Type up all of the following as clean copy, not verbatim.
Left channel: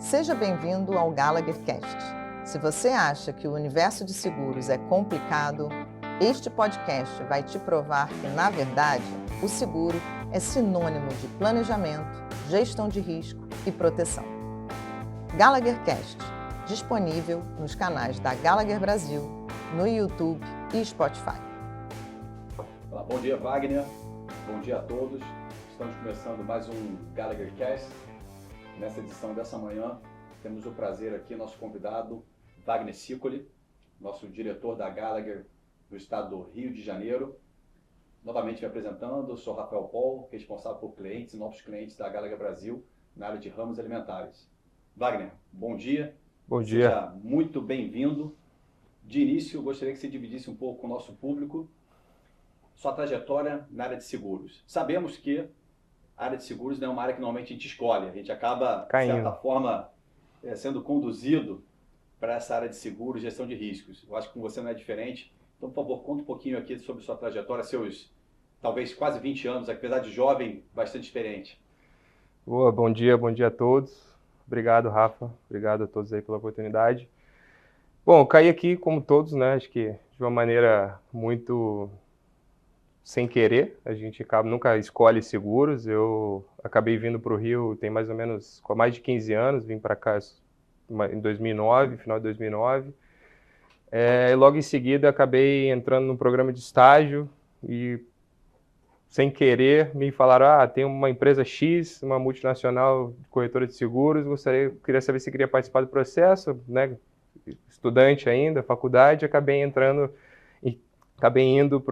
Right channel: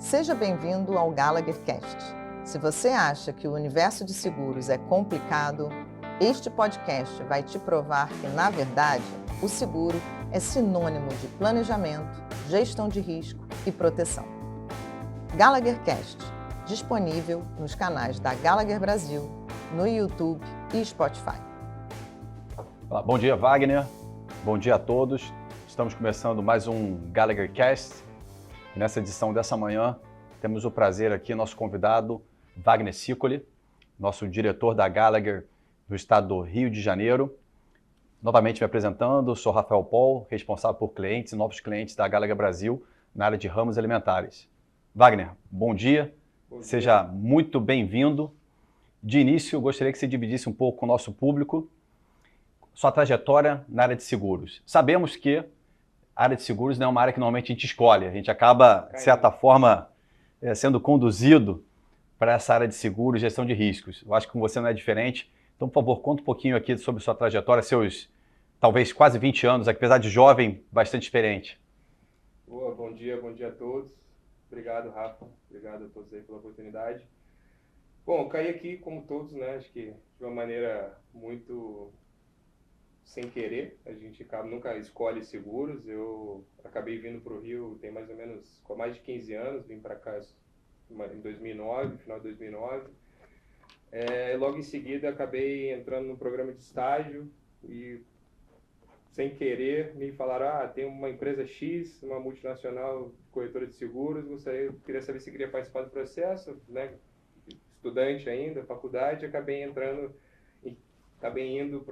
Seja bem-vindo ao Gallagher Cast. Se você acha que o universo de seguros é complicado, este podcast vai te provar que, na verdade, o seguro é sinônimo de planejamento, gestão de risco e proteção. Gallagher Cast, disponível nos canais da Gallagher Brasil, no YouTube e Spotify. Bom dia, Wagner. Bom dia a todos. Estamos começando mais um Gallagher Cast. Nessa edição dessa manhã, temos o prazer aqui, nosso convidado, Wagner Sicoli, nosso diretor da Gallagher do estado do Rio de Janeiro. Novamente me apresentando, sou Rafael Paul, responsável por clientes e novos clientes da Gallagher Brasil na área de ramos alimentares. Wagner, bom dia. Bom dia. Seja muito bem-vindo. De início, eu gostaria que você dividisse um pouco com o nosso público sua trajetória na área de seguros. Sabemos que a área de seguros não é uma área que normalmente a gente escolhe, a gente acaba, de certa forma, sendo conduzido para essa área de seguros e gestão de riscos. Eu acho que com você não é diferente. Então, por favor, conta um pouquinho aqui sobre sua trajetória, seus, talvez, quase 20 anos, apesar de jovem, bastante experiente. Boa, bom dia a todos. Obrigado, Rafa. Obrigado a todos aí pela oportunidade. Bom, eu caí aqui, como todos, né? Acho que de uma maneira muito sem querer. A gente nunca escolhe seguros. Eu acabei vindo para o Rio tem mais ou menos mais de 15 anos. Vim para cá em 2009, final de 2009. E logo em seguida acabei entrando no programa de estágio e, sem querer, me falaram: tem uma empresa X, uma multinacional de corretora de seguros, queria saber se queria participar do processo, né? Estudante ainda, faculdade, acabei indo para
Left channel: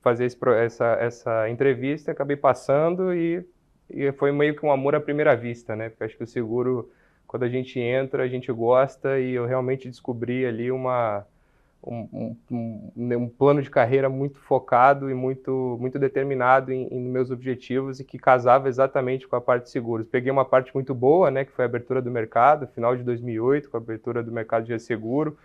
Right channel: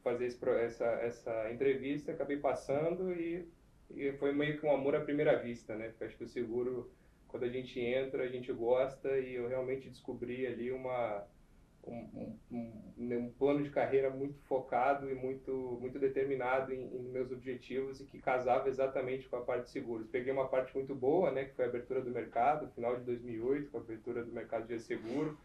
fazer essa entrevista, acabei passando e foi meio que um amor à primeira vista, né? Porque acho que o seguro, quando a gente entra, a gente gosta, e eu realmente descobri ali um plano de carreira muito focado e muito determinado em meus objetivos, e que casava exatamente com a parte de seguros. Peguei uma parte muito boa, né, que foi a abertura do mercado, final de 2008, com a abertura do mercado de resseguro.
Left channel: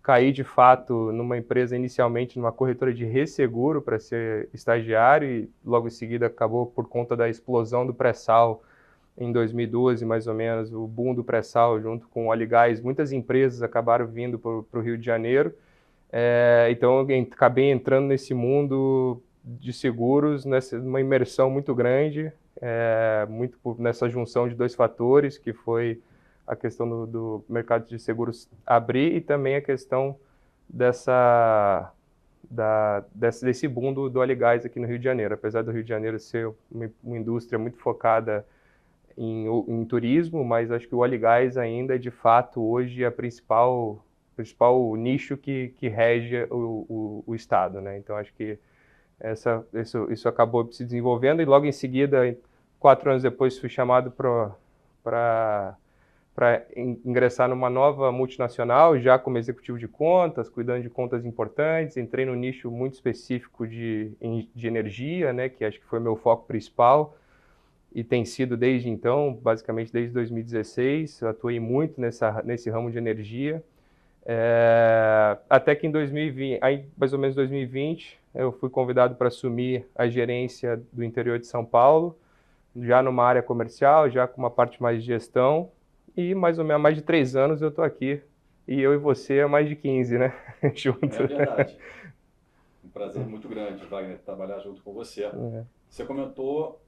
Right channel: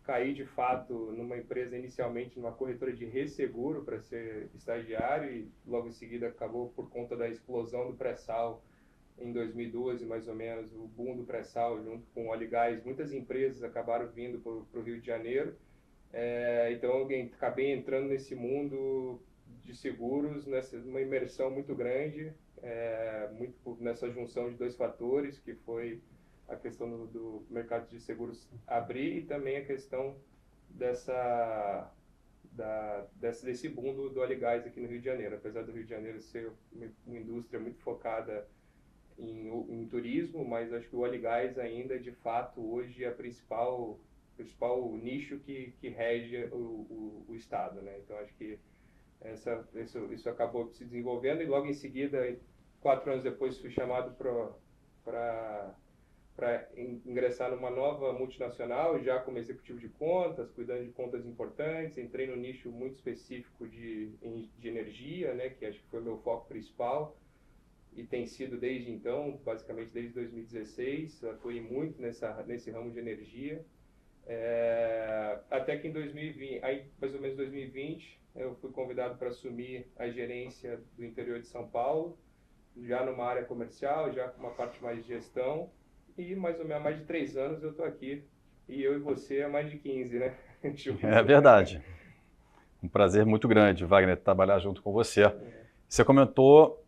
Caí, de fato, numa empresa, inicialmente numa corretora de resseguro, para ser estagiário, e logo em seguida acabou, por conta da explosão do pré-sal, em 2012, mais ou menos, o boom do pré-sal junto com o óleo e gás. Muitas empresas acabaram vindo para o Rio de Janeiro. Então eu acabei entrando nesse mundo de seguros, numa imersão muito grande, nessa junção de dois fatores, que foi a questão do mercado de seguros abrir, e também a questão desse boom do óleo e gás aqui no Rio de Janeiro. Apesar do Rio de Janeiro ser uma indústria muito focada em turismo, mas acho que o óleo e gás ainda é, de fato, hoje a principal nicho que rege o Estado, né? Então, acho que isso acabou se desenvolvendo, e logo em seguida, 4 anos depois, fui chamado para ingressar numa nova multinacional, já como executivo de contas, cuidando de contas importantes. Entrei no nicho muito específico de energia, né, que acho que foi meu foco principal, e tem sido desde então, basicamente desde 2016. Eu atuei muito nesse ramo de energia. Até que em 2020, mais ou menos 2020, eu fui convidado para assumir a gerência do interior de São Paulo, já numa área comercial, já com uma parte mais de gestão, e mais ou menos há mais de 3 anos eu estou aqui, e eu e você há mais de 15, né? Juntos. É verdade. Um prazer muito grande, Wagner, trabalhar junto com você. Você comentou,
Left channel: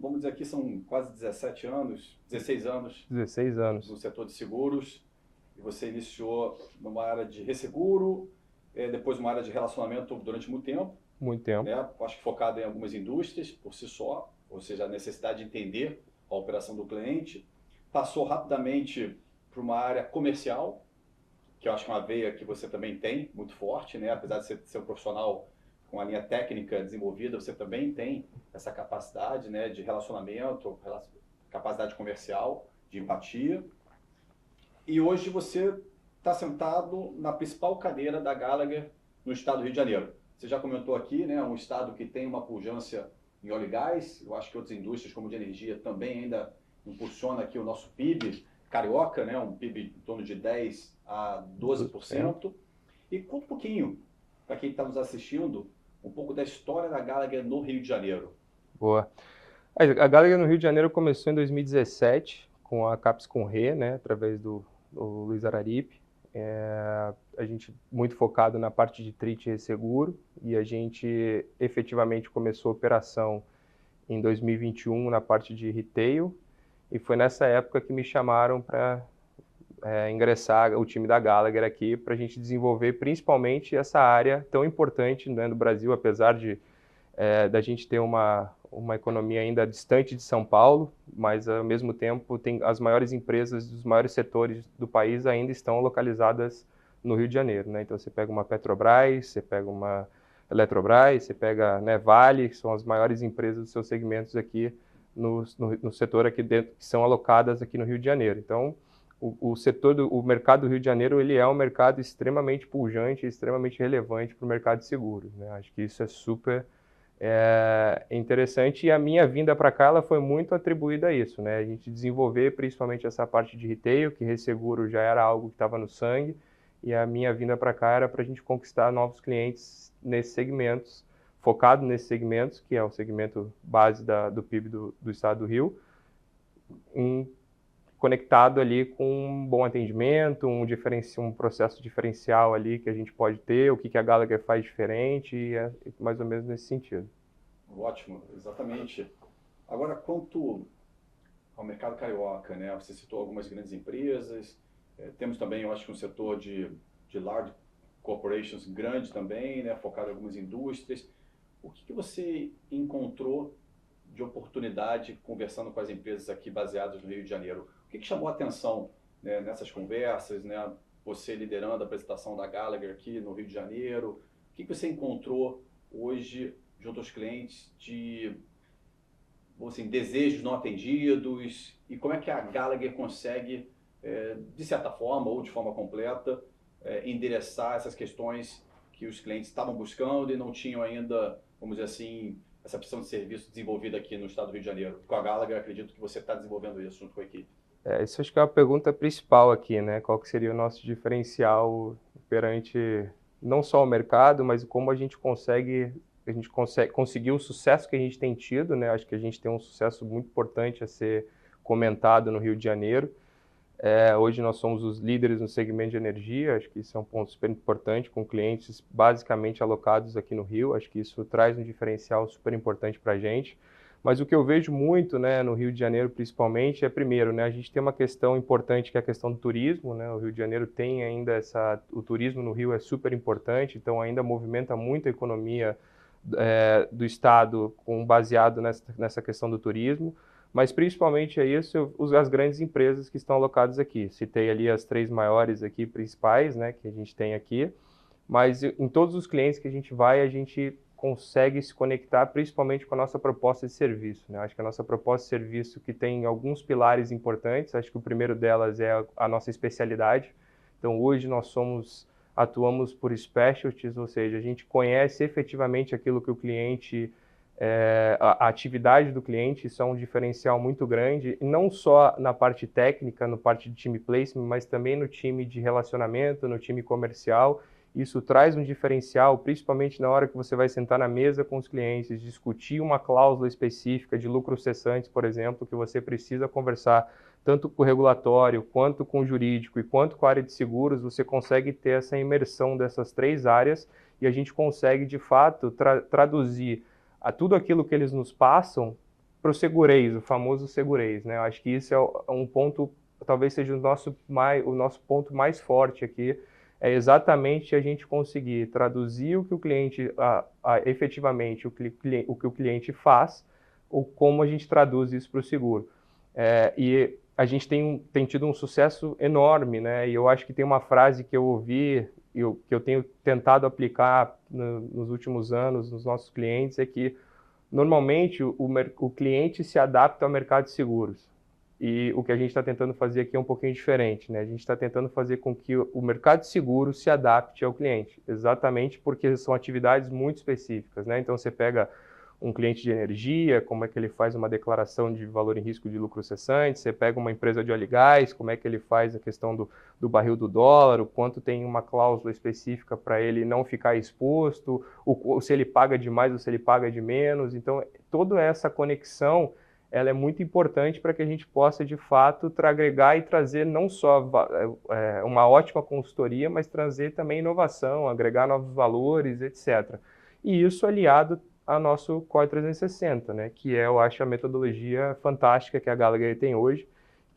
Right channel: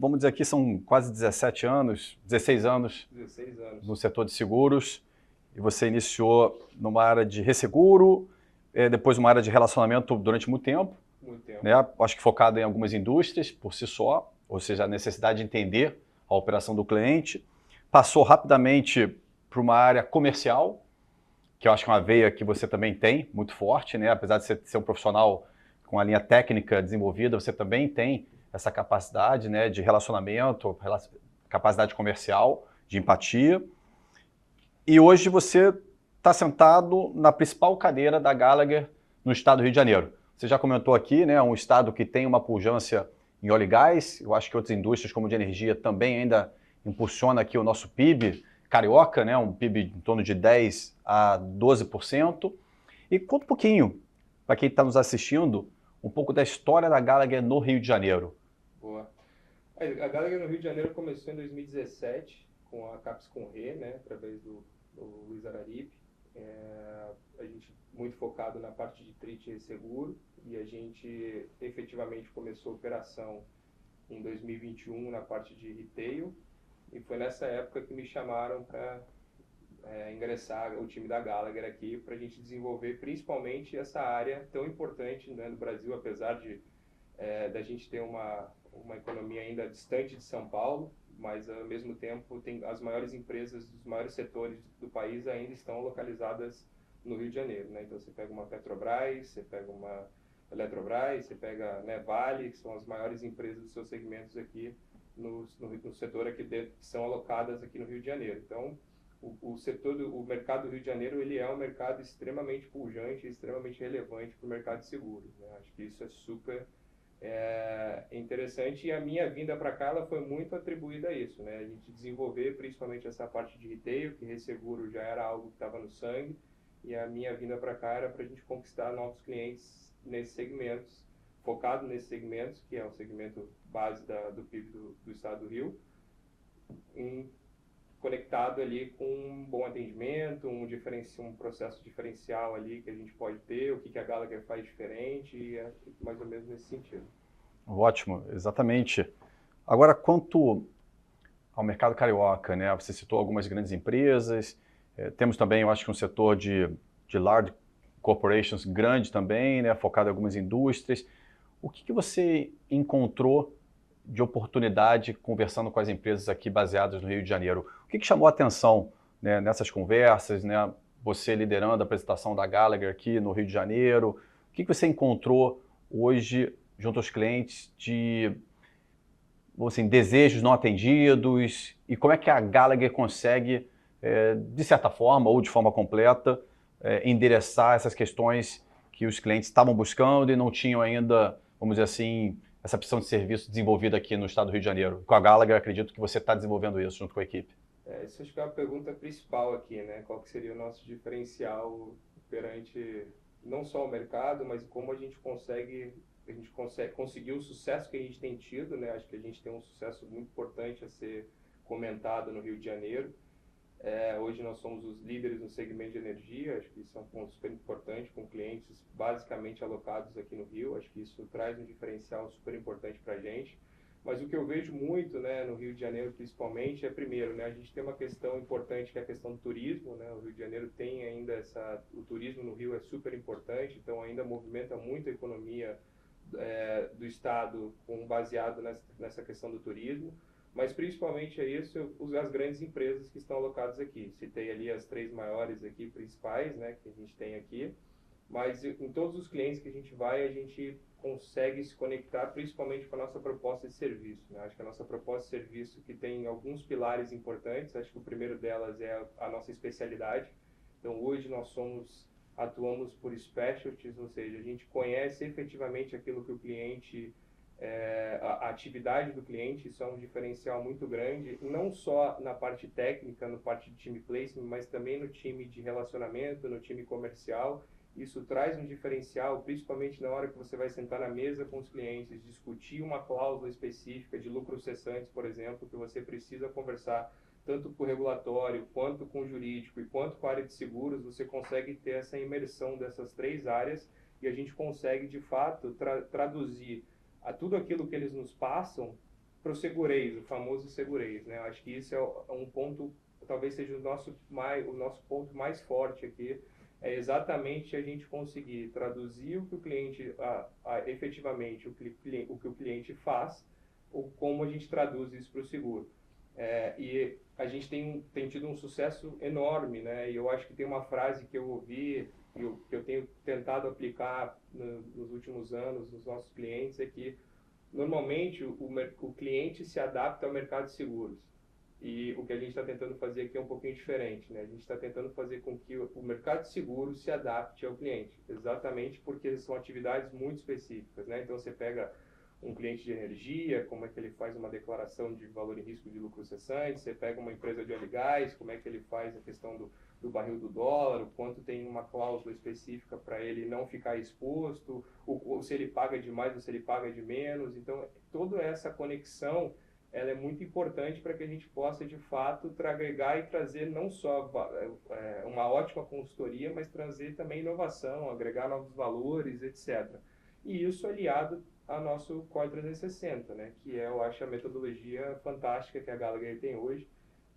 vamos dizer aqui, são quase 16 anos 16 anos no setor de seguros, e você iniciou numa área de resseguro, depois numa área de relacionamento durante muito tempo. Muito tempo. Né? Acho que focado em algumas indústrias por si só, ou seja, a necessidade de entender a operação do cliente. Passou rapidamente para uma área comercial, que eu acho que é uma veia que você também tem, muito forte, né? Apesar de você ser um profissional com a linha técnica desenvolvida, você também tem essa capacidade, né, de relacionamento, capacidade comercial, de empatia. E hoje você está sentado na principal cadeira da Gallagher no estado do Rio de Janeiro. Você já comentou aqui, né, um estado que tem uma pujança em óleo e gás. Eu acho que outras indústrias, como de energia, também ainda impulsiona aqui o nosso PIB carioca, né, um PIB em torno de 10% a 12%. E conta um pouquinho, para quem está nos assistindo, um pouco da história da Gallagher no Rio de Janeiro. Boa. A Gallagher no Rio de Janeiro começou em 2017, com a Caps com Re, né, através do Luiz Araripe. A gente muito focado na parte de trade e resseguro, e a gente efetivamente começou a operação em 2021 na parte de retail, e foi nessa época que me chamaram para ingressar o time da Gallagher aqui para a gente desenvolver principalmente essa área tão importante, né, no Brasil, apesar de da gente ter uma economia ainda distante de São Paulo, mas ao mesmo tempo tem as maiores empresas dos maiores setores do país ainda estão localizadas no Rio de Janeiro, né? Então você pega uma Petrobras, você pega uma Eletrobras, você pega, né, Vale, que são as maiores empresas dos seus segmentos aqui no setor aqui dentro, que são alocadas aqui no Rio de Janeiro. Então o mercado do Rio de Janeiro ele é um mercado extremamente pujante, extremamente relevante para o mercado de seguros, né? Acho que isso é super interessante, e a minha vinda para cá ela foi muito atribuída a isso, né? A gente desenvolver principalmente essa parte de retail, que resseguro já era algo que estava no sangue, e a minha vinda para cá era para a gente conquistar novos clientes nesses segmentos, focado nesses segmentos, que é o segmento base do PIB do estado do Rio, conectado ali com um bom atendimento, um processo diferencial ali que a gente pode ter, o que a Gallagher faz diferente, e é mais ou menos nesse sentido. Ótimo, exatamente. Agora, quanto ao mercado carioca, né? Você citou algumas grandes empresas, temos também, eu acho que um setor de large corporations grande também, né? Focado em algumas indústrias. O que você encontrou de oportunidade conversando com as empresas aqui baseadas no Rio de Janeiro? O que chamou a atenção, né, nessas conversas, né? Você liderando a apresentação da Gallagher aqui no Rio de Janeiro, o que você encontrou hoje junto aos clientes de assim, desejos não atendidos, e como é que a Gallagher consegue, de certa forma ou de forma completa, endereçar essas questões que os clientes estavam buscando e não tinham ainda, vamos dizer assim, essa opção de serviço desenvolvida aqui no estado do Rio de Janeiro? Com a Gallagher, acredito que você está desenvolvendo isso junto com a equipe. Isso acho que é a pergunta principal aqui, né? Qual que seria o nosso diferencial perante não só o mercado, mas como a gente consegue conseguir o sucesso que a gente tem tido, né? Acho que a gente tem um sucesso muito importante a ser comentado no Rio de Janeiro. Hoje nós somos os líderes no segmento de energia, acho que isso é um ponto super importante, com clientes basicamente alocados aqui no Rio, acho que isso traz um diferencial super importante para a gente. Mas o que eu vejo muito, né, no Rio de Janeiro principalmente, primeiro, né, a gente tem uma questão importante que é a questão do turismo, né? O Rio de Janeiro tem ainda o turismo no Rio é super importante, então ainda movimenta muito a economia do estado baseado nessa questão do turismo. Mas principalmente é isso, as grandes empresas que estão alocadas aqui. Citei ali as 3 maiores aqui principais, né, que a gente tem aqui, mas em todos os clientes que a gente vai, a gente consegue se conectar principalmente com a nossa proposta de serviço, né? Acho que a nossa proposta de serviço que tem alguns pilares importantes, acho que o primeiro delas é a nossa especialidade. Então hoje atuamos por specialties, ou seja, a gente conhece efetivamente aquilo que o cliente a atividade do cliente, isso é um diferencial muito grande, não só na parte técnica, no parte de time placement, mas também no time de relacionamento, no time comercial. Isso traz um diferencial, principalmente na hora que você vai sentar na mesa com os clientes, discutir uma cláusula específica de lucros cessantes, por exemplo, que você precisa conversar tanto com o regulatório, quanto com o jurídico e quanto com a área de seguros. Você consegue ter essa imersão dessas 3 áreas e a gente consegue, de fato, traduzir a tudo aquilo que eles nos passam para o segurez, o famoso segurez, né? Eu acho que isso é um ponto, talvez seja o nosso ponto mais forte aqui, é exatamente a gente conseguir traduzir o que o cliente, efetivamente, o que o cliente faz, ou como a gente traduz isso para o seguro. E a gente tem tido um sucesso enorme, né? E eu acho que tem uma frase que eu ouvi, que eu tenho tentado aplicar nos últimos anos nos nossos clientes, é que normalmente o cliente se adapta ao mercado de seguros. E o que a gente está tentando fazer aqui é um pouquinho diferente, né? A gente está tentando fazer com que o mercado de seguros se adapte ao cliente, exatamente porque são atividades muito específicas, né? Então você pega um cliente de energia, como é que ele faz uma declaração de valor em risco de lucro cessante, você pega uma empresa de óleo e gás, como é que ele faz a questão do barril do dólar, o quanto tem uma cláusula específica para ele não ficar exposto, se ele paga de mais ou se ele paga de menos. Então, toda essa conexão ela é muito importante para que a gente possa, de fato, agregar e trazer não só uma ótima consultoria, mas trazer também inovação, agregar novos valores, etc. E isso aliado ao nosso Core 360, né? Que eu acho, a metodologia fantástica que a Gallagher tem hoje,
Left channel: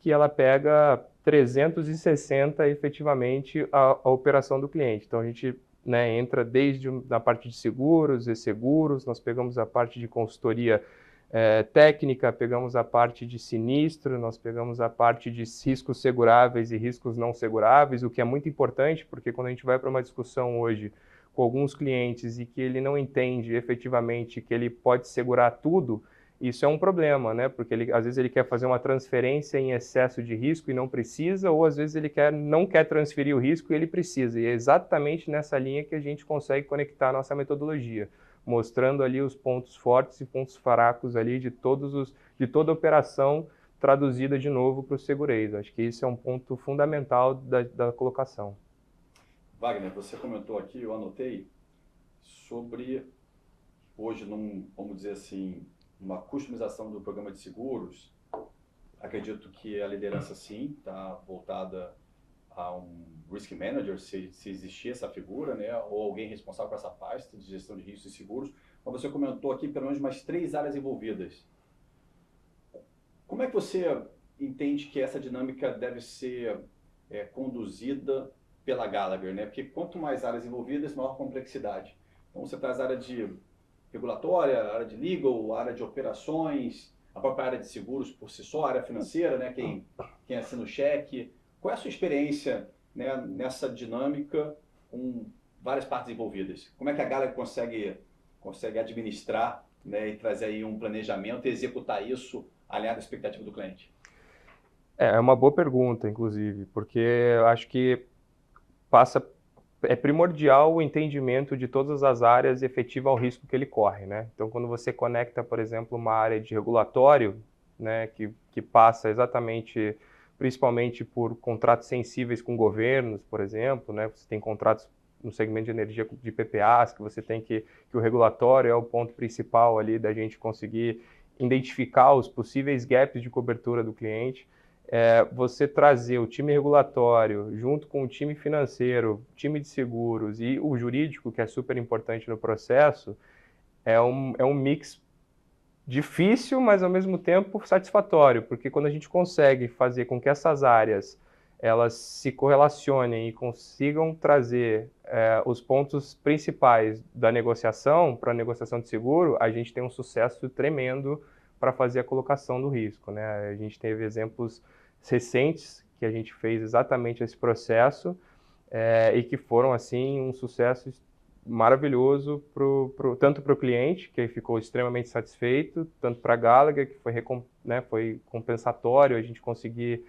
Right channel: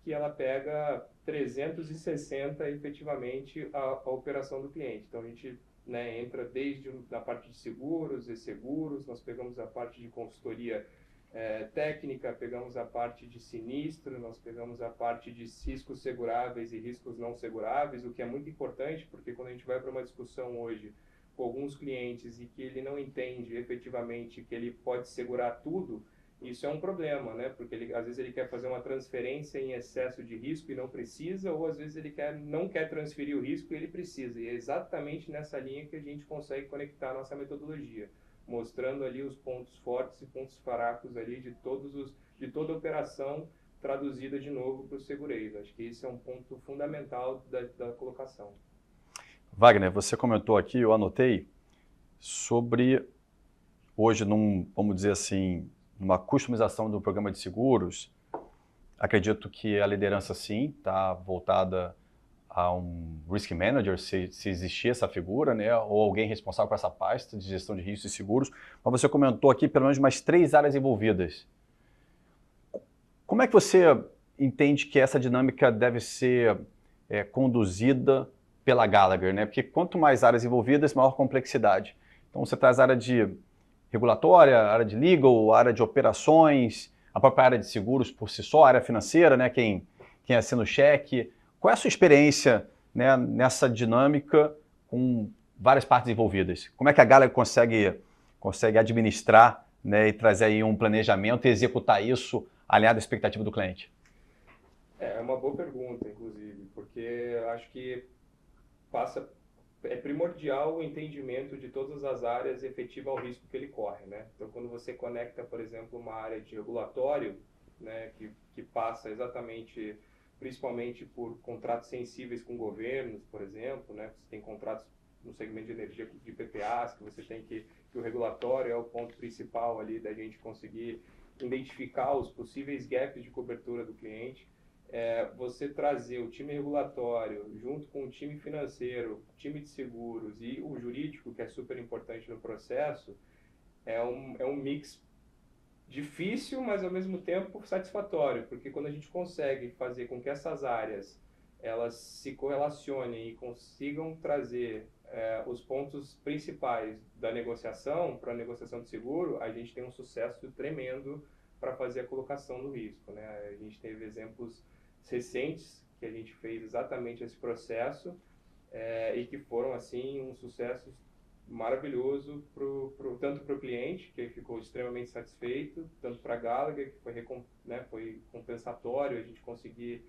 que ela pega 360 efetivamente a operação do cliente. Então, a gente, né, entra desde a parte de seguros e seguros, nós pegamos a parte de consultoria técnica, pegamos a parte de sinistro, nós pegamos a parte de riscos seguráveis e riscos não seguráveis, o que é muito importante, porque quando a gente vai para uma discussão hoje com alguns clientes e que ele não entende efetivamente que ele pode segurar tudo, isso é um problema, né? Porque às vezes ele quer fazer uma transferência em excesso de risco e não precisa, ou às vezes ele não quer transferir o risco e ele precisa. E é exatamente nessa linha que a gente consegue conectar a nossa metodologia, mostrando ali os pontos fortes e pontos fracos ali de toda a operação traduzida de novo para o segureiro. Acho que isso é um ponto fundamental da colocação. Wagner, você comentou aqui, eu anotei, sobre hoje, vamos dizer assim, numa customização do programa de seguros. Acredito que a liderança, sim, está voltada a um risk manager, se existir essa figura, né, ou alguém responsável por essa pasta de gestão de riscos e seguros. Mas você comentou aqui pelo menos umas 3 áreas envolvidas. Como é que você entende que essa dinâmica deve ser conduzida pela Gallagher, né? Porque quanto mais áreas envolvidas, maior complexidade. Então você traz a área de regulatória, a área de legal, a área de operações, a própria área de seguros por si só, a área financeira, né? Quem assina o cheque. Qual é a sua experiência, né, nessa dinâmica com várias partes envolvidas? Como é que a Gallagher consegue administrar, né, e trazer aí um planejamento e executar isso alinhado à expectativa do cliente? É uma boa pergunta, inclusive, porque eu acho que é primordial o entendimento de todas as áreas efetiva ao risco que ele corre, né? Então, quando você conecta, por exemplo, uma área de regulatório, né, que passa exatamente, principalmente por contratos sensíveis com governos, por exemplo, né? Você tem contratos no segmento de energia de PPAs, que você tem que o regulatório é o ponto principal ali da gente conseguir identificar os possíveis gaps de cobertura do cliente. Você trazer o time regulatório junto com o time financeiro, time de seguros e o jurídico, que é super importante no processo, é um mix difícil, mas ao mesmo tempo satisfatório, porque quando a gente consegue fazer com que essas áreas elas se correlacionem e consigam trazer os pontos principais da negociação para a negociação de seguro, a gente tem um sucesso tremendo para fazer a colocação do risco, né? A gente teve exemplos recentes que a gente fez exatamente esse processo e que foram assim um sucesso maravilhoso tanto para o cliente, que ficou extremamente satisfeito, tanto para a Gallagher, que foi compensatório a gente conseguir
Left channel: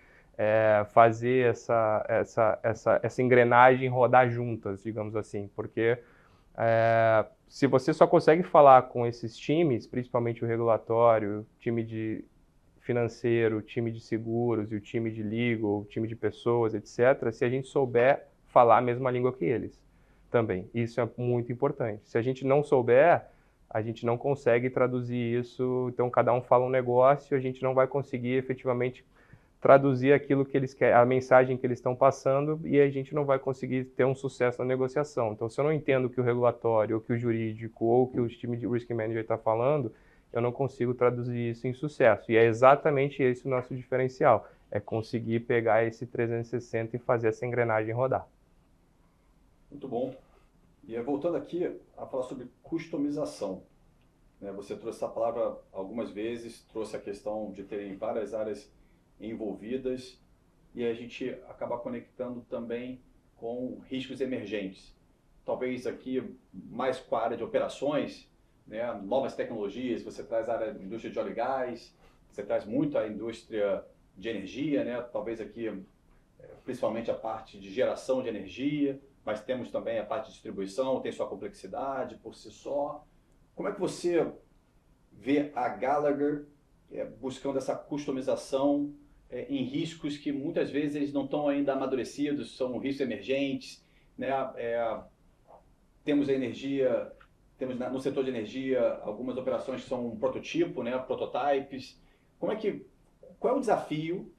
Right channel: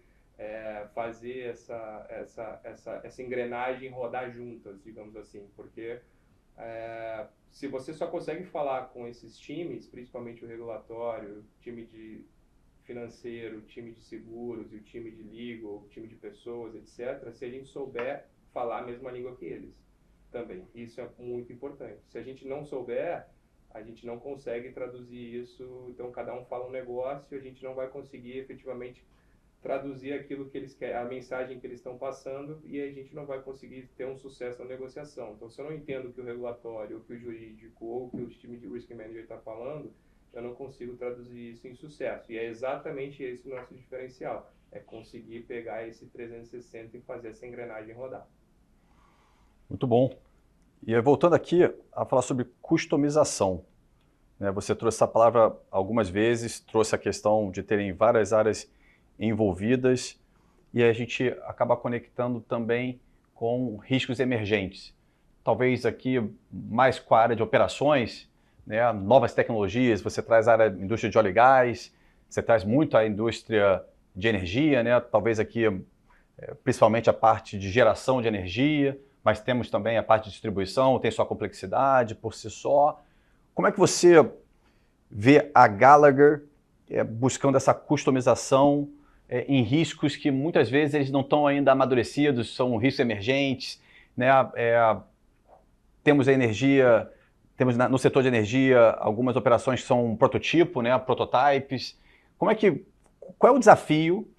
fazer essa engrenagem rodar juntas, digamos assim, porque se você só consegue falar com esses times, principalmente o regulatório, o time de financeiro, o time de seguros e o time de legal, o time de pessoas, etc., se a gente souber falar a mesma língua que eles também. Isso é muito importante. Se a gente não souber, a gente não consegue traduzir isso, então cada um fala um negócio, a gente não vai conseguir efetivamente traduzir aquilo que eles querem, a mensagem que eles estão passando, e a gente não vai conseguir ter um sucesso na negociação. Então, se eu não entendo o que o regulatório, ou que o jurídico, ou que o time de risk manager está falando, eu não consigo traduzir isso em sucesso. E é exatamente esse o nosso diferencial, é conseguir pegar esse 360 e fazer essa engrenagem rodar. Muito bom. E voltando aqui a falar sobre customização, né? Você trouxe essa palavra algumas vezes, trouxe a questão de terem várias áreas envolvidas e a gente acaba conectando também com riscos emergentes. Talvez aqui mais com a área de operações, né? Novas tecnologias, você traz a área da indústria de óleo e gás, você traz muito a indústria de energia, né? Talvez aqui principalmente a parte de geração de energia, mas temos também a parte de distribuição, tem sua complexidade por si só. Como é que você vê a Gallagher buscando essa customização em riscos que muitas vezes eles não estão ainda amadurecidos, são riscos emergentes, né? Temos a energia, temos no setor de energia algumas operações que são prototipo, né? Prototypes. qual é o desafio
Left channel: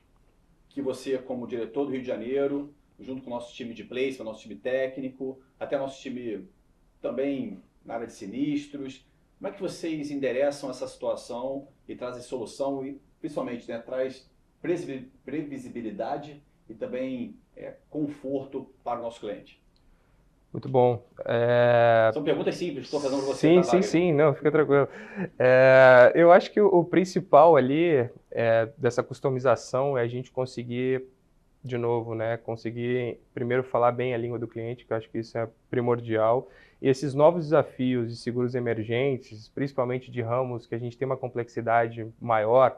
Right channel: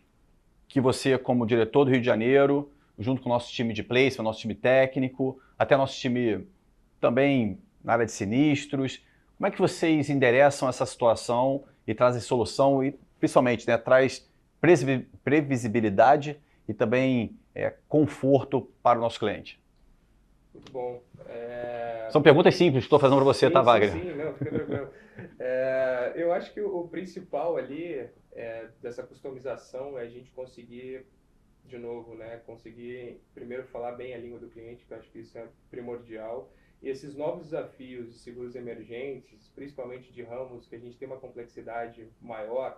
que você, como diretor do Rio de Janeiro, junto com o nosso time de placement, nosso time técnico, até nosso time também na área de sinistros, como é que vocês endereçam essa situação e trazem solução e, principalmente, né, traz previsibilidade e também conforto para o nosso cliente? Muito bom. São perguntas simples que estou fazendo para você, sim, tá, Wagner? Sim, não, fica tranquilo. Eu acho que o principal ali dessa customização é a gente conseguir, de novo, né, conseguir primeiro falar bem a língua do cliente, que eu acho que isso é primordial. E esses novos desafios de seguros emergentes, principalmente de ramos que a gente tem uma complexidade maior,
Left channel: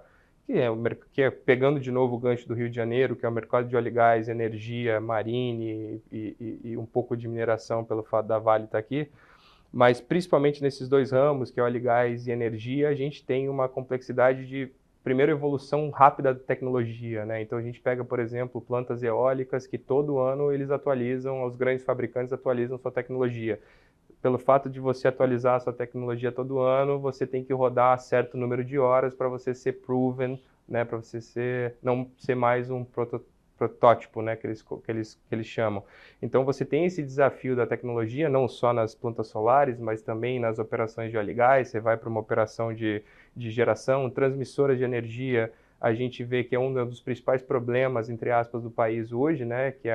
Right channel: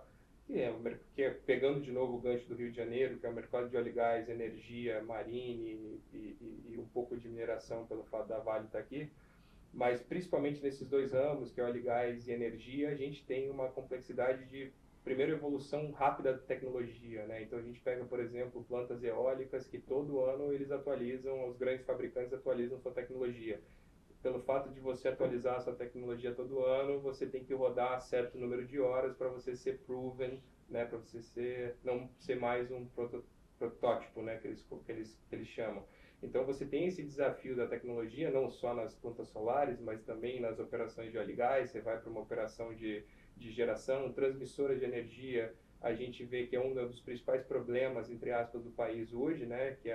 que é pegando de novo o gancho do Rio de Janeiro, que é o mercado de óleo e gás, energia, marine e um pouco de mineração pelo fato da Vale estar aqui. Mas principalmente nesses dois ramos, que é óleo e gás e energia, a gente tem uma complexidade de, primeiro, evolução rápida da tecnologia, né? Então a gente pega, por exemplo, plantas eólicas que todo ano eles atualizam, os grandes fabricantes atualizam sua tecnologia. Pelo fato de você atualizar a sua tecnologia todo ano, você tem que rodar certo número de horas para você ser proven, né? Para você não ser mais um protótipo, né? Que eles chamam. Então você tem esse desafio da tecnologia, não só nas plantas solares, mas também nas operações de óleo e gás. Você vai para uma operação de geração, transmissora de energia. A gente vê que é um dos principais problemas, entre aspas, do país hoje, né? Que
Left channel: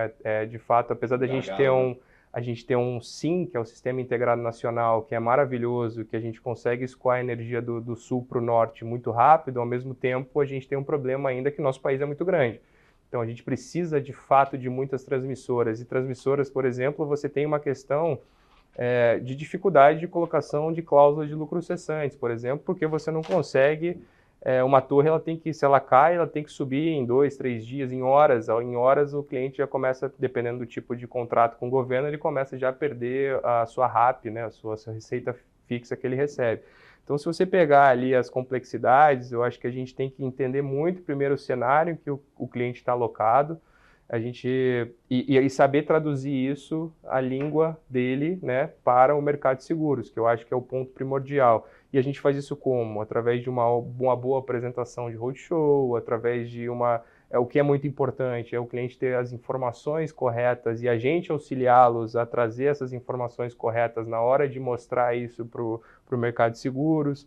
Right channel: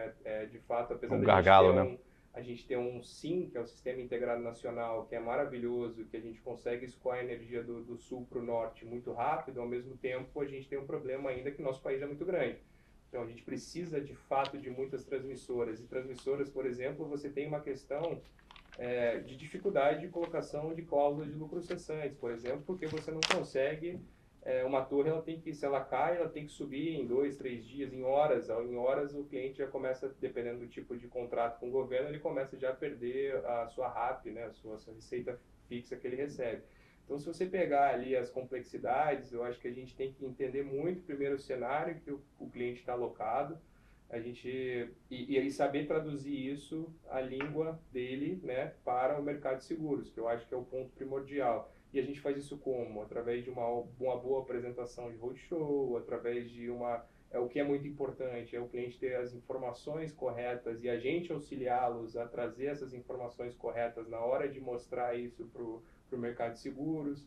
de fato, apesar da gente ter a gente tem um SIM, que é o Sistema Integrado Nacional, que é maravilhoso, que a gente consegue escoar a energia do sul para o norte muito rápido, ao mesmo tempo a gente tem um problema ainda que o nosso país é muito grande. Então a gente precisa de fato de muitas transmissoras. E transmissoras, por exemplo, você tem uma questão de dificuldade de colocação de cláusulas de lucros cessantes, por exemplo, porque você não consegue... uma torre, se ela cai, ela tem que subir em 2, 3 dias, em horas. Em horas o cliente já começa, dependendo do tipo de contrato com o governo, ele começa já a perder a sua RAP, né, a sua receita fixa que ele recebe. Então, se você pegar ali as complexidades, eu acho que a gente tem que entender muito primeiro o cenário em que o cliente está alocado, e saber traduzir isso, a língua dele, né, para o mercado de seguros, que eu acho que é o ponto primordial. E a gente faz isso como? Através de uma boa apresentação de roadshow, através de o que é muito importante é o cliente ter as informações corretas e a gente auxiliá-los a trazer essas informações corretas na hora de mostrar isso para o mercado de seguros,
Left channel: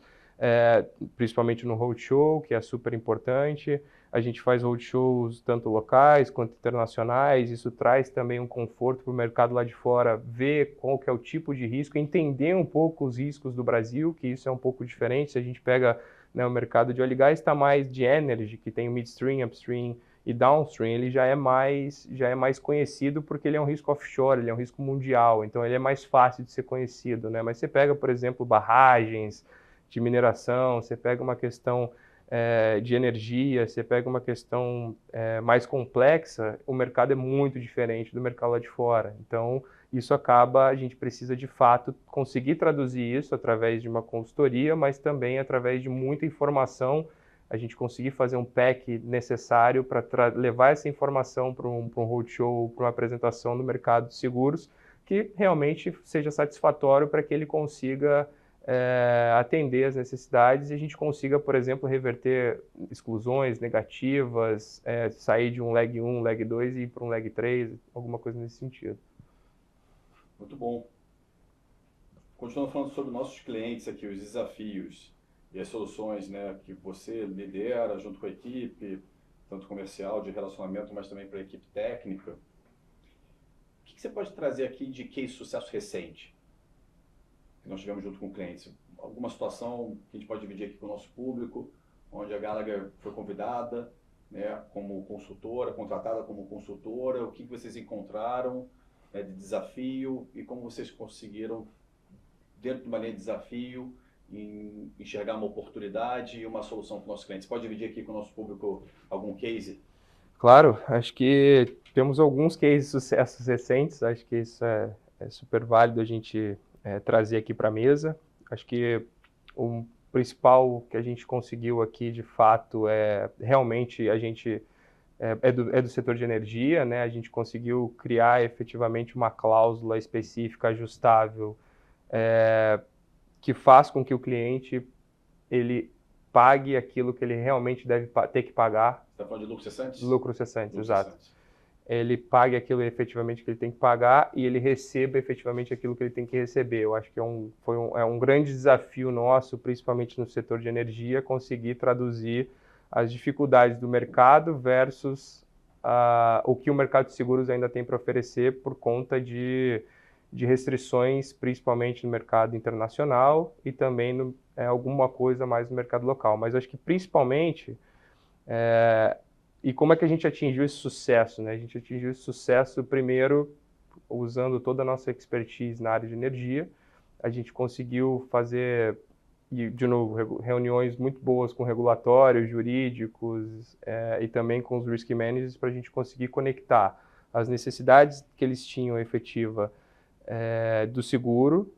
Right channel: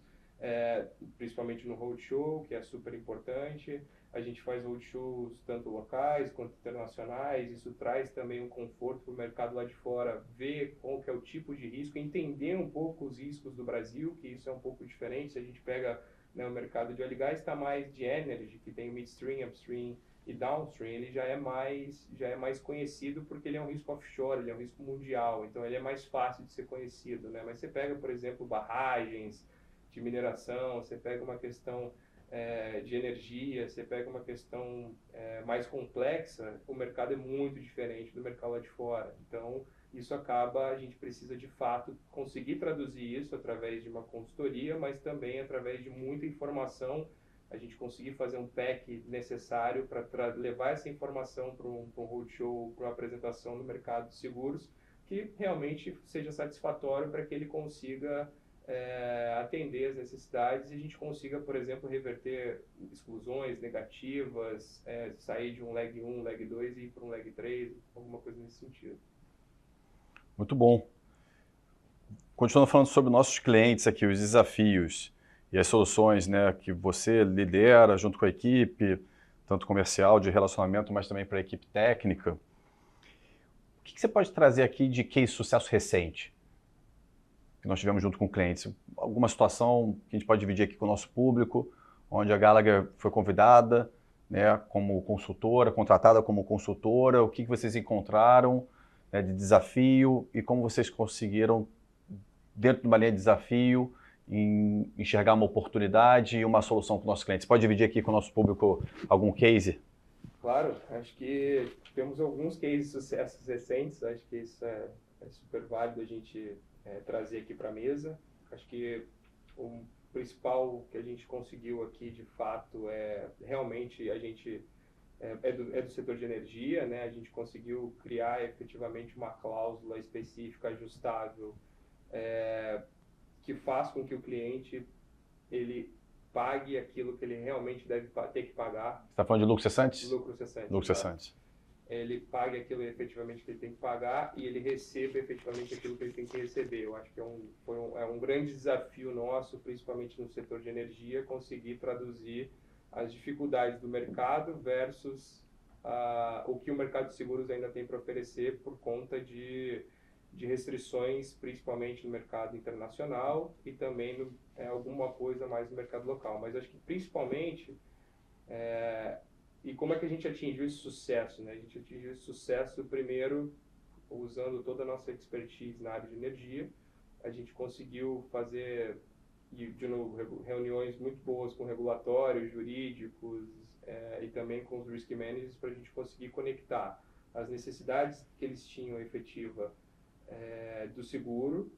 principalmente no roadshow, que é super importante. A gente faz roadshows tanto locais quanto internacionais, isso traz também um conforto para o mercado lá de fora, ver qual que é o tipo de risco, entender um pouco os riscos do Brasil, que isso é um pouco diferente. Se a gente pega, né, o mercado de óleo e gás, está mais de energy, que tem o midstream, upstream e downstream, ele já é mais conhecido porque ele é um risco offshore, ele é um risco mundial, então ele é mais fácil de ser conhecido, né? Mas você pega, por exemplo, barragens de mineração, você pega uma questão de energia, você pega uma questão mais complexa, o mercado é muito diferente do mercado lá de fora. Então, isso acaba, a gente precisa de fato conseguir traduzir isso através de uma consultoria, mas também através de muita informação, a gente conseguir fazer um pack necessário para levar essa informação para um roadshow, para uma apresentação no mercado de seguros, que realmente seja satisfatório para que ele consiga atender as necessidades e a gente consiga, por exemplo, reverter exclusões negativas, sair de um leg 1, leg 2 e ir para um leg 3, alguma coisa nesse sentido. Muito bom. Continuando falando sobre nossos clientes aqui, os desafios e as soluções, né, que você lidera junto com a equipe, tanto comercial, de relacionamento, mas também para a equipe técnica. O que você pode trazer aqui de case de sucesso recente que nós tivemos junto com clientes? Alguma situação que a gente pode dividir aqui com o nosso público, onde a Gallagher foi convidada, né, como consultora, contratada como consultora, o que vocês encontraram, né, de desafio e como vocês conseguiram, dentro de uma linha de desafio, enxergar uma oportunidade e uma solução para os nossos clientes. Pode dividir aqui com o nosso público algum case? Claro, acho que temos alguns cases de sucessos recentes, acho que isso é super válido a gente trazer aqui para a mesa. Acho que o principal que a gente conseguiu aqui, de fato, realmente a gente do setor de energia, né? A gente conseguiu criar efetivamente uma cláusula específica ajustável que faz com que o cliente ele pague aquilo que ele realmente deve ter que pagar. Você está falando de lucro cessante? Lucro cessante, Lucro exato. cessante. Ele pague aquilo efetivamente que ele tem que pagar e ele receba efetivamente aquilo que ele tem que receber. Eu acho que é um grande desafio nosso, principalmente no setor de energia, conseguir traduzir as dificuldades do mercado versus o que o mercado de seguros ainda tem para oferecer por conta de restrições, principalmente no mercado internacional e também alguma coisa mais no mercado local. Mas acho que principalmente, e como é que a gente atingiu esse sucesso, né? A gente atingiu esse sucesso primeiro usando toda a nossa expertise na área de energia. A gente conseguiu fazer, de novo, reuniões muito boas com regulatórios, jurídicos e também com os risk managers para a gente conseguir conectar as necessidades que eles tinham efetiva do seguro,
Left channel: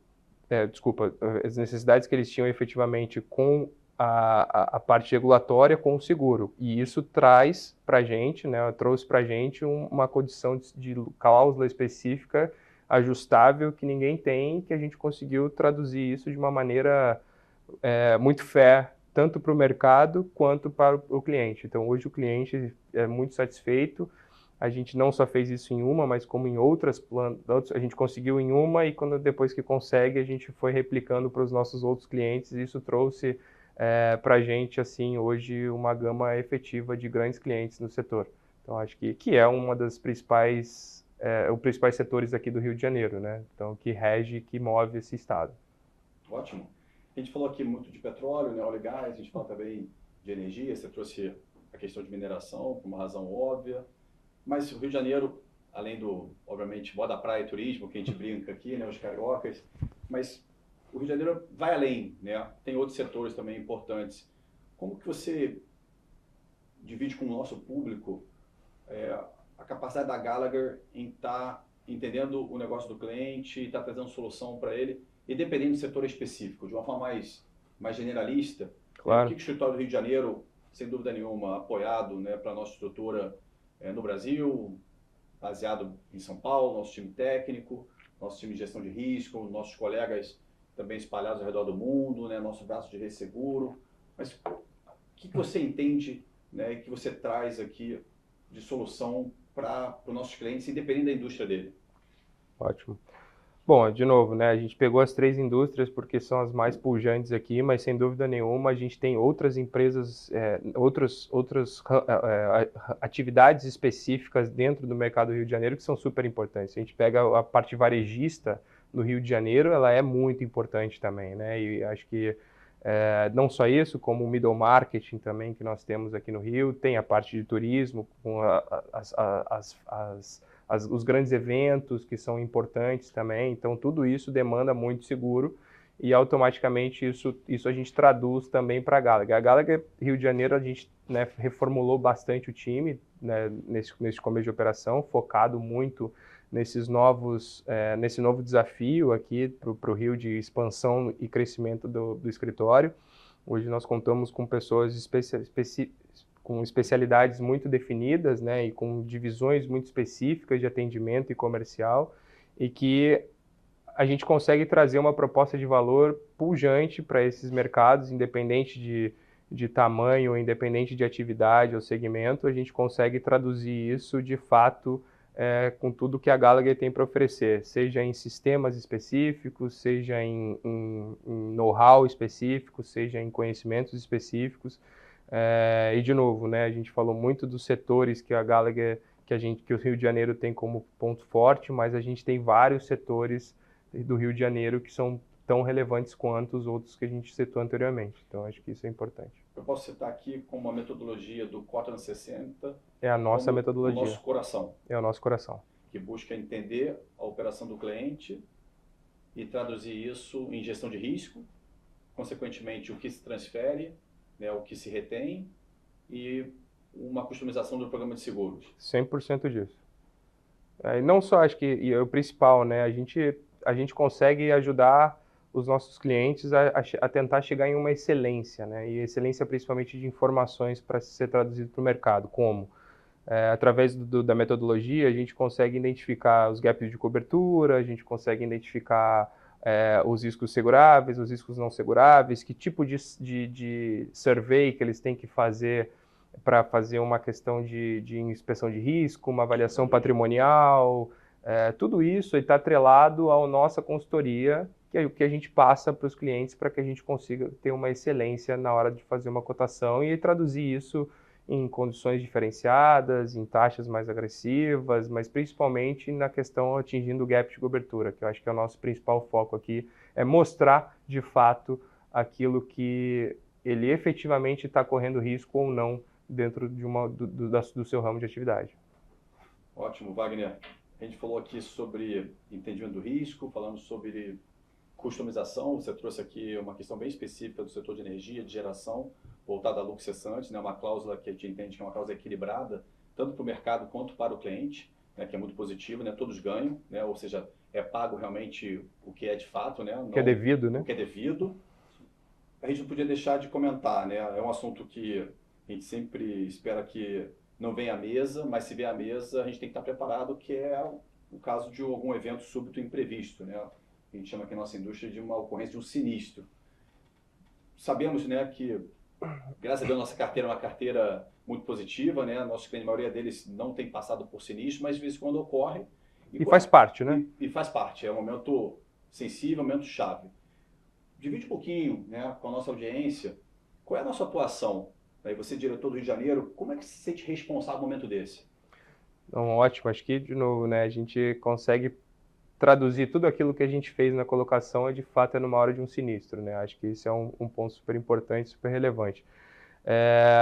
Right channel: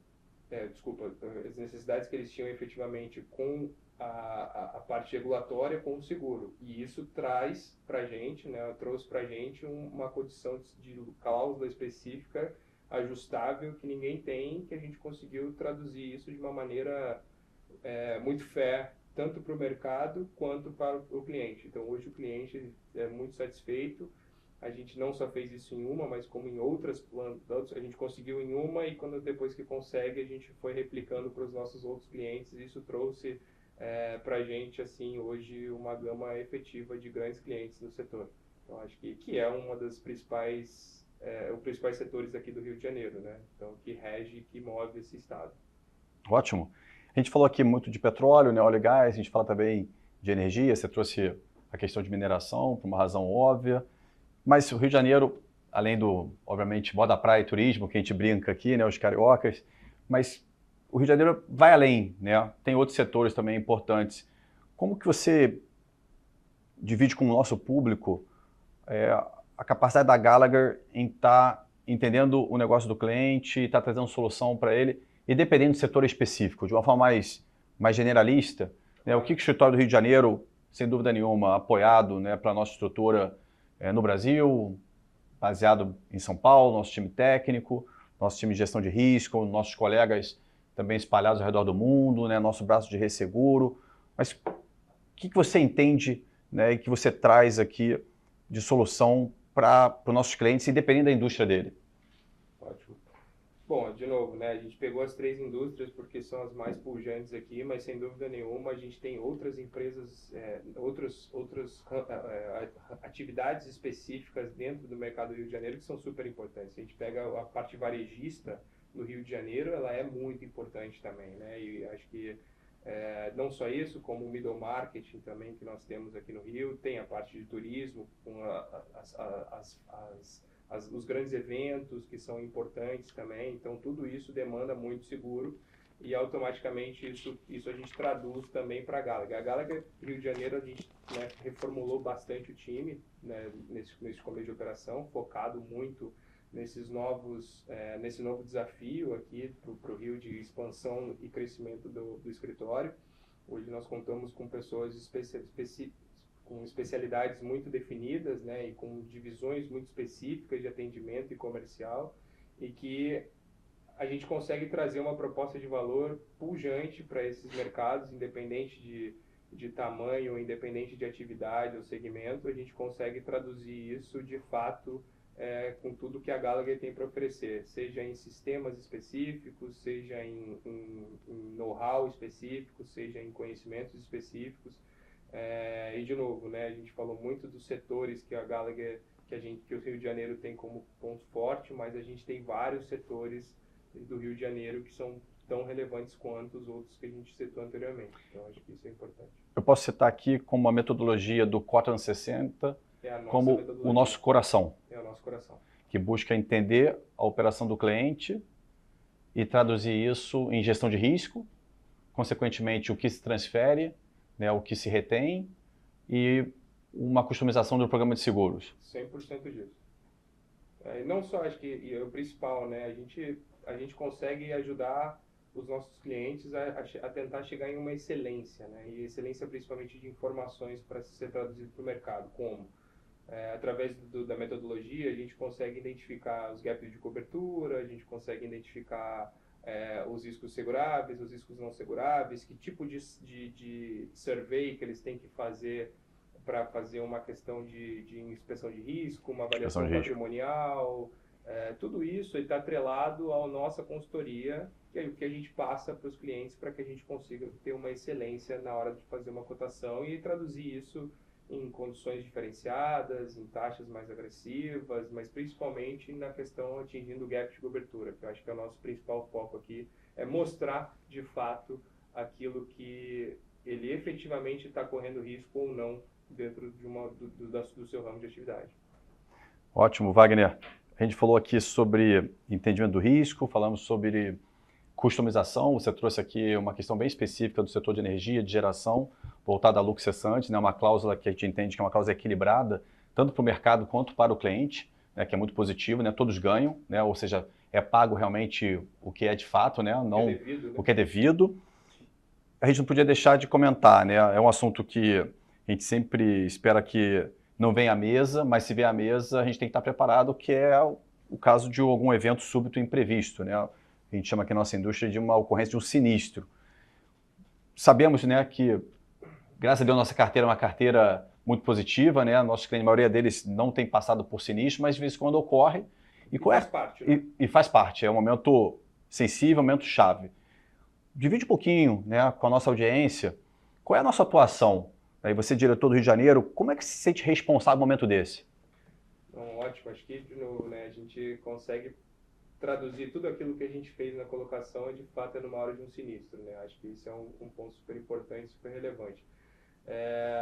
as necessidades que eles tinham efetivamente com a parte regulatória com o seguro. E isso traz para a gente, né, trouxe para a gente uma condição de cláusula específica ajustável que ninguém tem, que a gente conseguiu traduzir isso de uma maneira muito fair, tanto para o mercado quanto para o cliente. Então, hoje o cliente é muito satisfeito. A gente não só fez isso em uma, mas como em outras, a gente conseguiu em uma e depois que consegue, a gente foi replicando para os nossos outros clientes. E isso trouxe para a gente, assim, hoje, uma gama efetiva de grandes clientes no setor. Então, acho que é uma das principais, os principais setores aqui do Rio de Janeiro, né? Então, que rege, que move esse estado. Ótimo. A gente falou aqui muito de petróleo, né, óleo e gás, a gente fala também de energia, você trouxe a questão de mineração por uma razão óbvia, mas o Rio de Janeiro, além do, obviamente, moda praia e turismo, que a gente brinca aqui, né, os cariocas, mas o Rio de Janeiro vai além, né? Tem outros setores também importantes. Como que você divide com o nosso público a capacidade da Gallagher em estar entendendo o negócio do cliente, estar trazendo solução para ele, e dependendo do setor específico, de uma forma mais generalista, Claro. O que o escritório do Rio de Janeiro, sem dúvida nenhuma, apoiado, né, para a nossa estrutura no Brasil, baseado em São Paulo, nosso time técnico, nosso time de gestão de risco, nossos colegas também espalhados ao redor do mundo, né, nosso braço de resseguro. Mas o que você entende, né, e que você traz aqui de solução para os nossos clientes, independente da indústria dele? Ótimo. Bom, de novo, né, a gente pegou as 3 indústrias porque são as mais pujantes aqui, mas sem dúvida nenhuma a gente tem outras empresas, outras atividades específicas dentro do mercado do Rio de Janeiro que são super importantes. A gente pega a parte varejista do Rio de Janeiro, ela é muito importante também, né, e acho que não só isso, como o middle marketing também que nós temos aqui no Rio, tem a parte de turismo, com os grandes eventos que são importantes também, então tudo isso demanda muito seguro e automaticamente isso a gente traduz também para a Gallagher. A Gallagher Rio de Janeiro, a gente, né, reformulou bastante o time, né, nesse começo de operação, focado muito nesse novo desafio aqui para o Rio de expansão e crescimento do escritório. Hoje nós contamos com pessoas com especialidades muito definidas, né, e com divisões muito específicas de atendimento e comercial, e que a gente consegue trazer uma proposta de valor pujante para esses mercados, independente de tamanho, independente de atividade ou segmento, a gente consegue traduzir isso de fato com tudo que a Gallagher tem para oferecer, seja em sistemas específicos, seja em know-how específico, seja em conhecimentos específicos. E de novo, né, a gente falou muito dos setores que a Gallagher, que o Rio de Janeiro tem como ponto forte, mas a gente tem vários setores do Rio de Janeiro que são tão relevantes quanto os outros que a gente citou anteriormente. Então, acho que isso é importante. Eu posso citar aqui como a metodologia do Cotran 60, é a nossa como metodologia. O nosso coração. É o nosso coração. Que busca entender a operação do cliente e traduzir isso em gestão de risco, consequentemente o que se transfere, né, o que se retém e uma customização do programa de seguros. 100% disso. E não só, acho que o principal, né, a gente consegue ajudar os nossos clientes a tentar chegar em uma excelência, né, e excelência principalmente de informações para ser traduzido para o mercado, como? Através da metodologia, a gente consegue identificar os gaps de cobertura, a gente consegue identificar os riscos seguráveis, os riscos não seguráveis, que tipo de survey que eles têm que fazer para fazer uma questão de inspeção de risco, uma avaliação patrimonial, tudo isso está atrelado à nossa consultoria, que a gente passa para os clientes para que a gente consiga ter uma excelência na hora de fazer uma cotação e traduzir isso em condições diferenciadas, em taxas mais agressivas, mas principalmente na questão atingindo o gap de cobertura, que eu acho que é o nosso principal foco aqui, é mostrar de fato aquilo que ele efetivamente está correndo risco ou não dentro de do seu ramo de atividade. Ótimo, Wagner. A gente falou aqui sobre entendimento do risco, falamos sobre customização, você trouxe aqui uma questão bem específica do setor de energia, de geração, voltada a lucro cessante, né? Uma cláusula que a gente entende que é uma cláusula equilibrada, tanto para o mercado quanto para o cliente, né? Que é muito positivo, né? Todos ganham, né? Ou seja, é pago realmente o que é de fato, né? Não, o que é devido, né? O que é devido. A gente não podia deixar de comentar, né? É um assunto que a gente sempre espera que não venha à mesa, mas se vier à mesa, a gente tem que estar preparado, que é o caso de algum evento súbito imprevisto, né? A gente chama aqui na nossa indústria de uma ocorrência de um sinistro. Sabemos, né, que, graças a Deus, nossa carteira é uma carteira muito positiva, né? Nossos clientes, a maioria deles não tem passado por sinistro, mas de vez em quando ocorre. E faz parte, né? E faz parte, é um momento sensível, um momento chave. Divide um pouquinho, né, com a nossa audiência, qual é a nossa atuação? Aí você, diretor do Rio de Janeiro, como é que se sente responsável no momento desse? Então, ótimo, acho que, de novo, né, a gente consegue traduzir tudo aquilo que a gente fez na colocação de fato numa hora de um sinistro, né? Acho que isso é um ponto super importante, super relevante.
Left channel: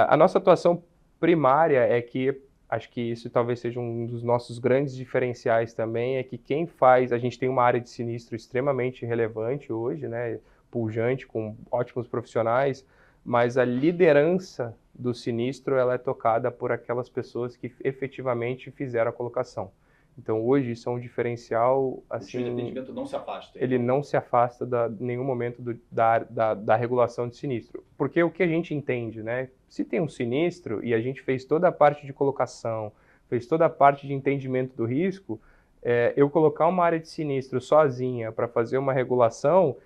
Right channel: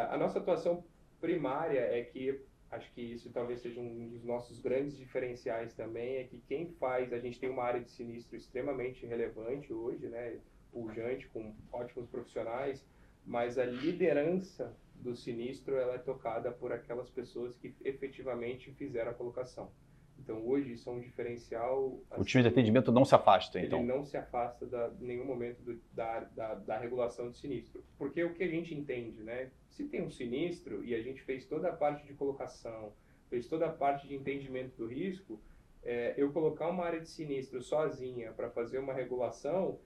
A nossa atuação primária é que, acho que isso talvez seja um dos nossos grandes diferenciais também, é que quem faz, a gente tem uma área de sinistro extremamente relevante hoje, né? Pujante, com ótimos profissionais, mas a liderança do sinistro ela é tocada por aquelas pessoas que efetivamente fizeram a colocação. Então, hoje, isso é um diferencial... Assim, o time de atendimento não se afasta, então. Ele não se afasta em nenhum momento da regulação de sinistro. Porque o que a gente entende, né? Se tem um sinistro e a gente fez toda a parte de colocação, fez toda a parte de entendimento do risco, eu colocar uma área de sinistro sozinha para fazer uma regulação,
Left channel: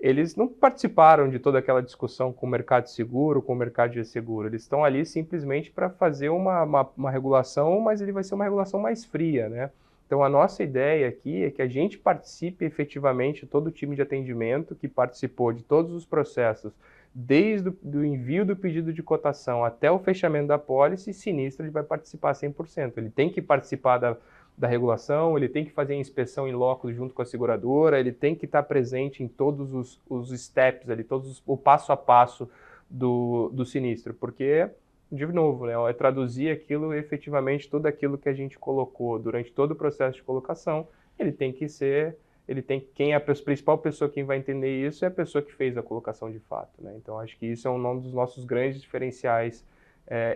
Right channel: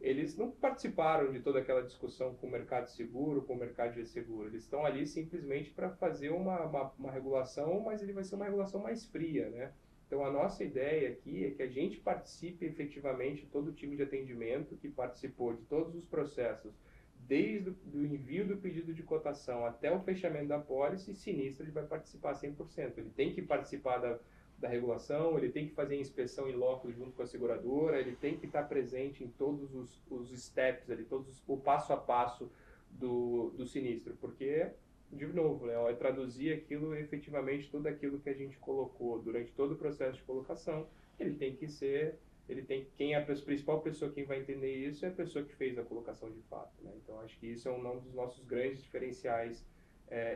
eles não participaram de toda aquela discussão com o mercado de seguro, com o mercado de seguro. Eles estão ali simplesmente para fazer uma regulação, mas ele vai ser uma regulação mais fria, né? Então, a nossa ideia aqui é que a gente participe efetivamente, todo o time de atendimento que participou de todos os processos, desde o envio do pedido de cotação até o fechamento da pólice, sinistro, ele vai participar 100%. Ele tem que participar da regulação, ele tem que fazer a inspeção em loco junto com a seguradora, ele tem que estar presente em todos os steps, ali, o passo a passo do sinistro, porque, de novo, né, é traduzir aquilo efetivamente, tudo aquilo que a gente colocou durante todo o processo de colocação, quem é a principal pessoa que vai entender isso é a pessoa que fez a colocação de fato, né? Então, acho que isso é um dos nossos grandes diferenciais,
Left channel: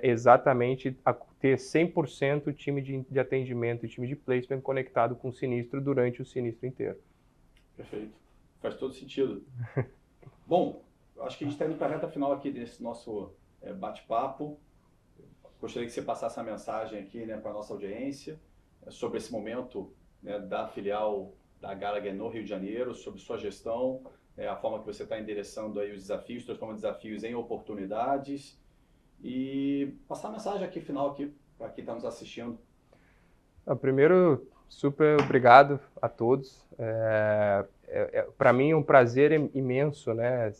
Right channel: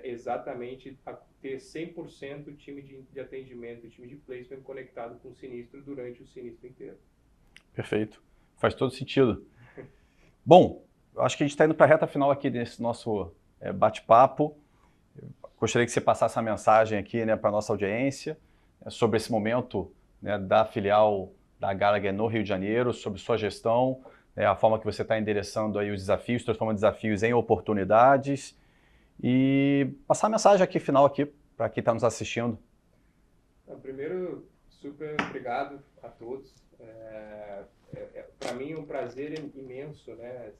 exatamente a ter 100% o time de atendimento e time de placement conectado com o sinistro durante o sinistro inteiro. Perfeito. Faz todo sentido. Bom, acho que a gente está indo para a reta final aqui desse nosso bate-papo. Gostaria que você passasse essa mensagem aqui, né, para a nossa audiência sobre esse momento, né, da filial da Gallagher no Rio de Janeiro, sobre sua gestão, a forma que você está endereçando aí os desafios, transformando desafios em oportunidades. E passar a mensagem aqui final aqui para quem está nos assistindo. Primeiro, super obrigado a todos. Para mim é um prazer imenso, né,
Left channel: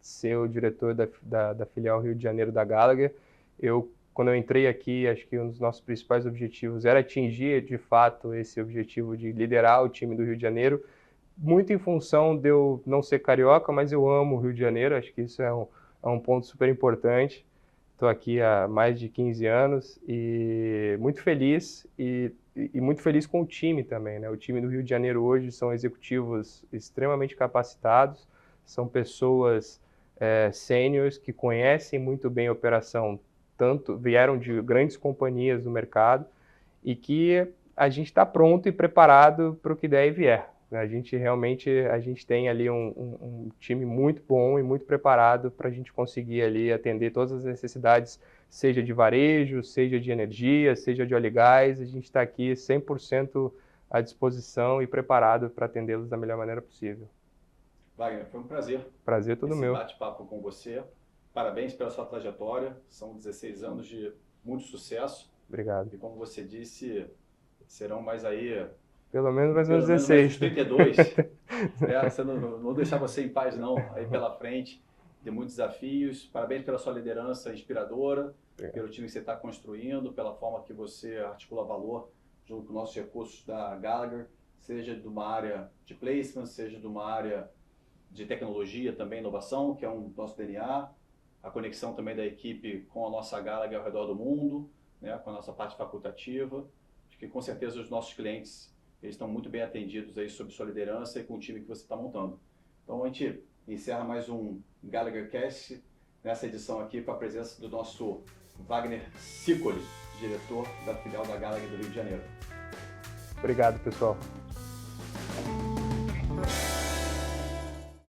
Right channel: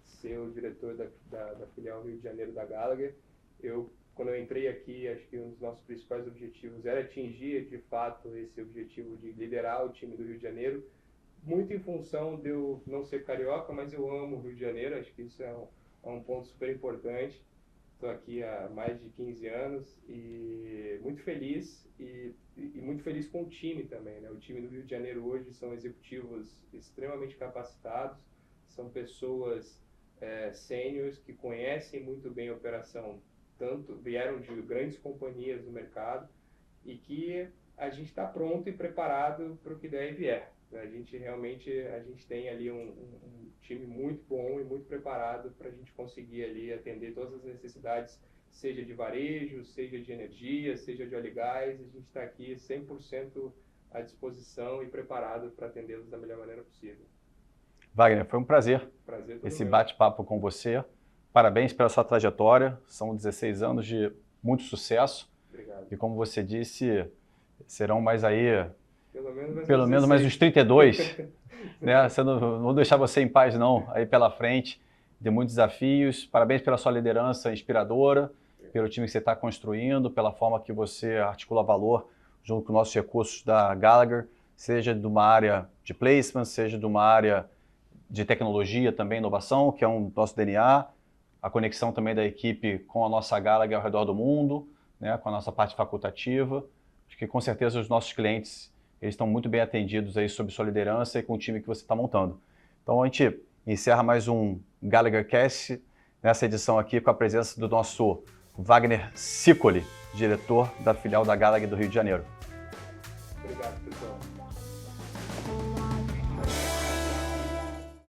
ser o diretor da filial Rio de Janeiro da Gallagher. Quando eu entrei aqui, acho que um dos nossos principais objetivos era atingir de fato esse objetivo de liderar o time do Rio de Janeiro, muito em função de eu não ser carioca, mas eu amo o Rio de Janeiro, acho que isso é um ponto super importante. Estou aqui há mais de 15 anos e muito feliz e muito feliz com o time também, né? O time do Rio de Janeiro hoje são executivos extremamente capacitados, são pessoas sêniores que conhecem muito bem a operação, vieram de grandes companhias do mercado e que a gente está pronto e preparado para o que der e vier. A gente tem ali um time muito bom e muito preparado para a gente conseguir ali atender todas as necessidades, seja de varejo, seja de energia, seja de óleo e gás. A gente está aqui 100% à disposição e preparado para atendê-los da melhor maneira possível. Wagner, foi um prazer. Prazer todo esse meu. bate-papo com você. Parabéns pela sua trajetória. São 16 anos de muito sucesso. Obrigado. E como você disse, serão mais aí... Pelo menos mais Pelo uns menos 16. mais uns 32. Né? Não vou deixar você em paz, não. Aí pela frente, de muitos desafios. Parabéns pela sua liderança inspiradora, pelo time que você está construindo, pela forma que você articula valor junto com nossos recursos da Gallagher, seja de uma área de placement, seja de uma área de tecnologia também, inovação, que é um nosso DNA, a conexão também da equipe com a nossa Gallagher ao redor do mundo, né, com a nossa parte facultativa. Acho que com certeza os nossos clientes eles estão muito bem atendidos aí sob sua liderança e com o time que você está montando. Então a gente encerra mais um Gallagher Cast, nessa edição aqui com a presença do nosso Wagner Sicoli, diretor da filial da Gallagher do Rio de Janeiro. Obrigado, pessoal.